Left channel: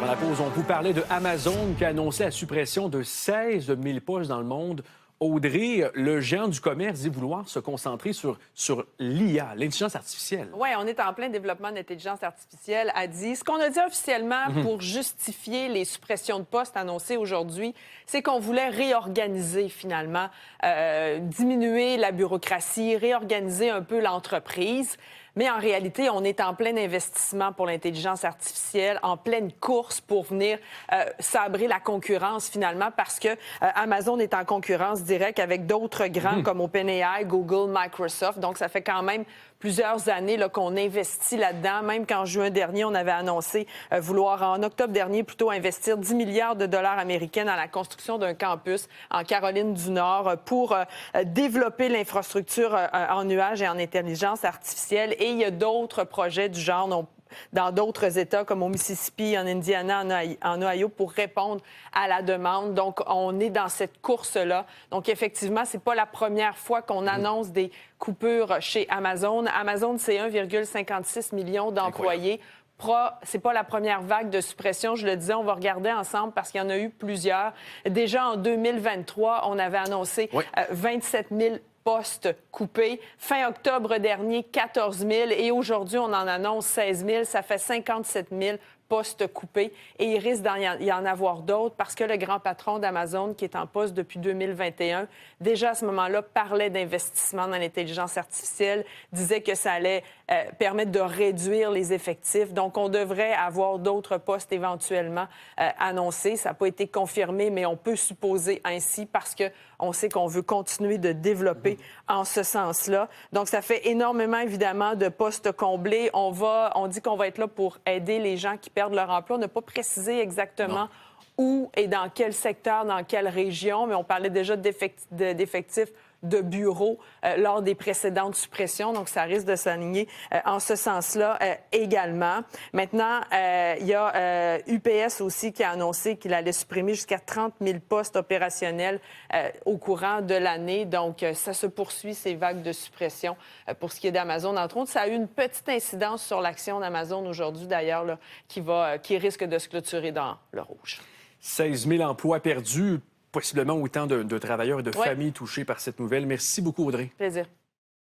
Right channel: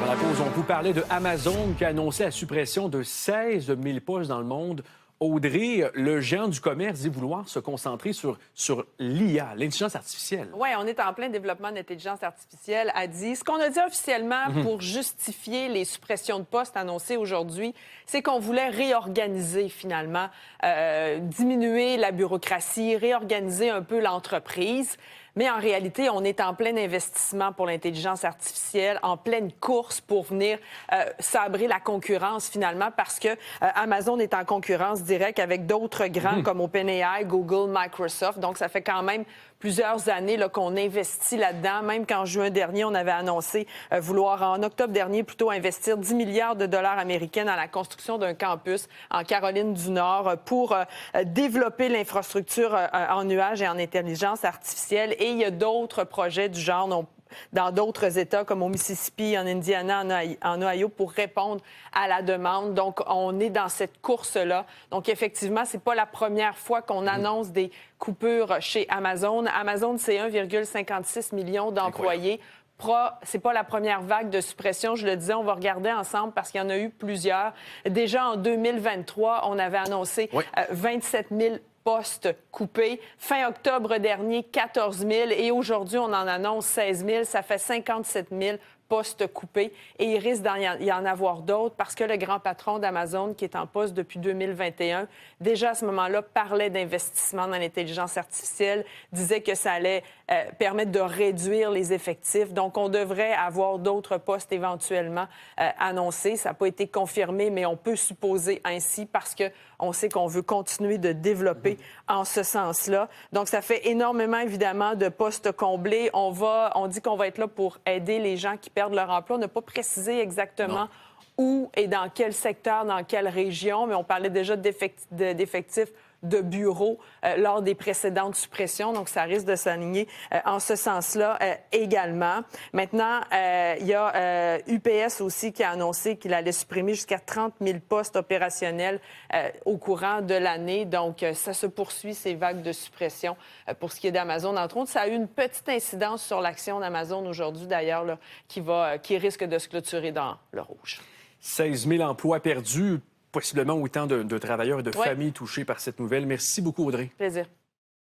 Avant la pause, on vous parlait de Amazon qui a annoncé la suppression de 16 000 postes dans le monde. Audrey, le géant du commerce dit vouloir se concentrer sur l'IA, l'intelligence artificielle. Oui, on est en plein développement d'intelligence artificielle, a dit. Ce qu'on a dit officiellement pour justifier les suppressions de postes annoncées aujourd'hui, c'est qu'on voulait réorganiser finalement, diminuer la bureaucratie, réorganiser un peu l'entreprise. Mais en réalité, on est en plein investissement pour l'intelligence artificielle, en pleine course pour venir sabrer la concurrence finalement, parce que Amazon est en concurrence directe avec d'autres grands comme OpenAI, Google, Microsoft. Donc, ça fait quand même plusieurs années là, qu'on investit là-dedans. Même qu'en juin dernier, on avait annoncé vouloir, en octobre dernier, plutôt investir 10 milliards de dollars américains dans la construction d'un campus en Caroline du Nord pour développer l'infrastructure en nuage et en intelligence artificielle. Et il y a d'autres projets du genre dans d'autres États, comme au Mississippi, en Indiana, en Ohio, pour répondre à la demande. Donc, on est dans cette course-là. Donc, effectivement, c'est pas la première fois qu'on annonce des coupures chez Amazon. Amazon, c'est 1,56 million d'employés. C'est pas la première vague de suppression. Je le disais, on va regarder ensemble parce qu'il y en a eu plusieurs. Déjà, en 2023, on avait annoncé 27 000 postes coupés. Fin octobre dernier, 14 000. Et aujourd'hui, on en annonce 16 000. Ça fait 57 000 postes coupés. Et il risque d'y en avoir d'autres parce que le grand patron d'Amazon, qui est en poste depuis 2021, déjà à ce moment-là, parlait d'investissement dans l'intelligence artificielle, disait que ça allait permettre de réduire les effectifs. Donc, on devrait avoir d'autres postes éventuellement annoncés. Ça n'a pas été confirmé, mais on peut supposer ainsi parce que on sait qu'on veut continuer de développer en ce sens-là. Donc, ça fait énormément, évidemment, de postes comblés. On dit qu'on va être là pour aider les gens qui perdent leur emploi. On n'a pas précisé exactement où et dans quel secteur, dans quelle région, mais on parlait déjà d'effectifs de bureaux lors des précédentes suppressions. Donc, ça risque de s'aligner en ce sens-là également. Maintenant, il y a UPS aussi qui a annoncé qu'il allait supprimer jusqu'à 30 000 postes opérationnels au courant de l'année. Donc, ça se poursuit, ces vagues de suppression pour ce qui est d'Amazon. Entre autres, ça a eu une petite incidence sur l'action d'Amazon aujourd'hui, d'ailleurs, là, qui risque de se clôturer dans le rouge. 16 000 emplois perdus, possiblement autant de travailleurs et de familles touchés par cette nouvelle. Merci beaucoup, Audrey. Plaisir.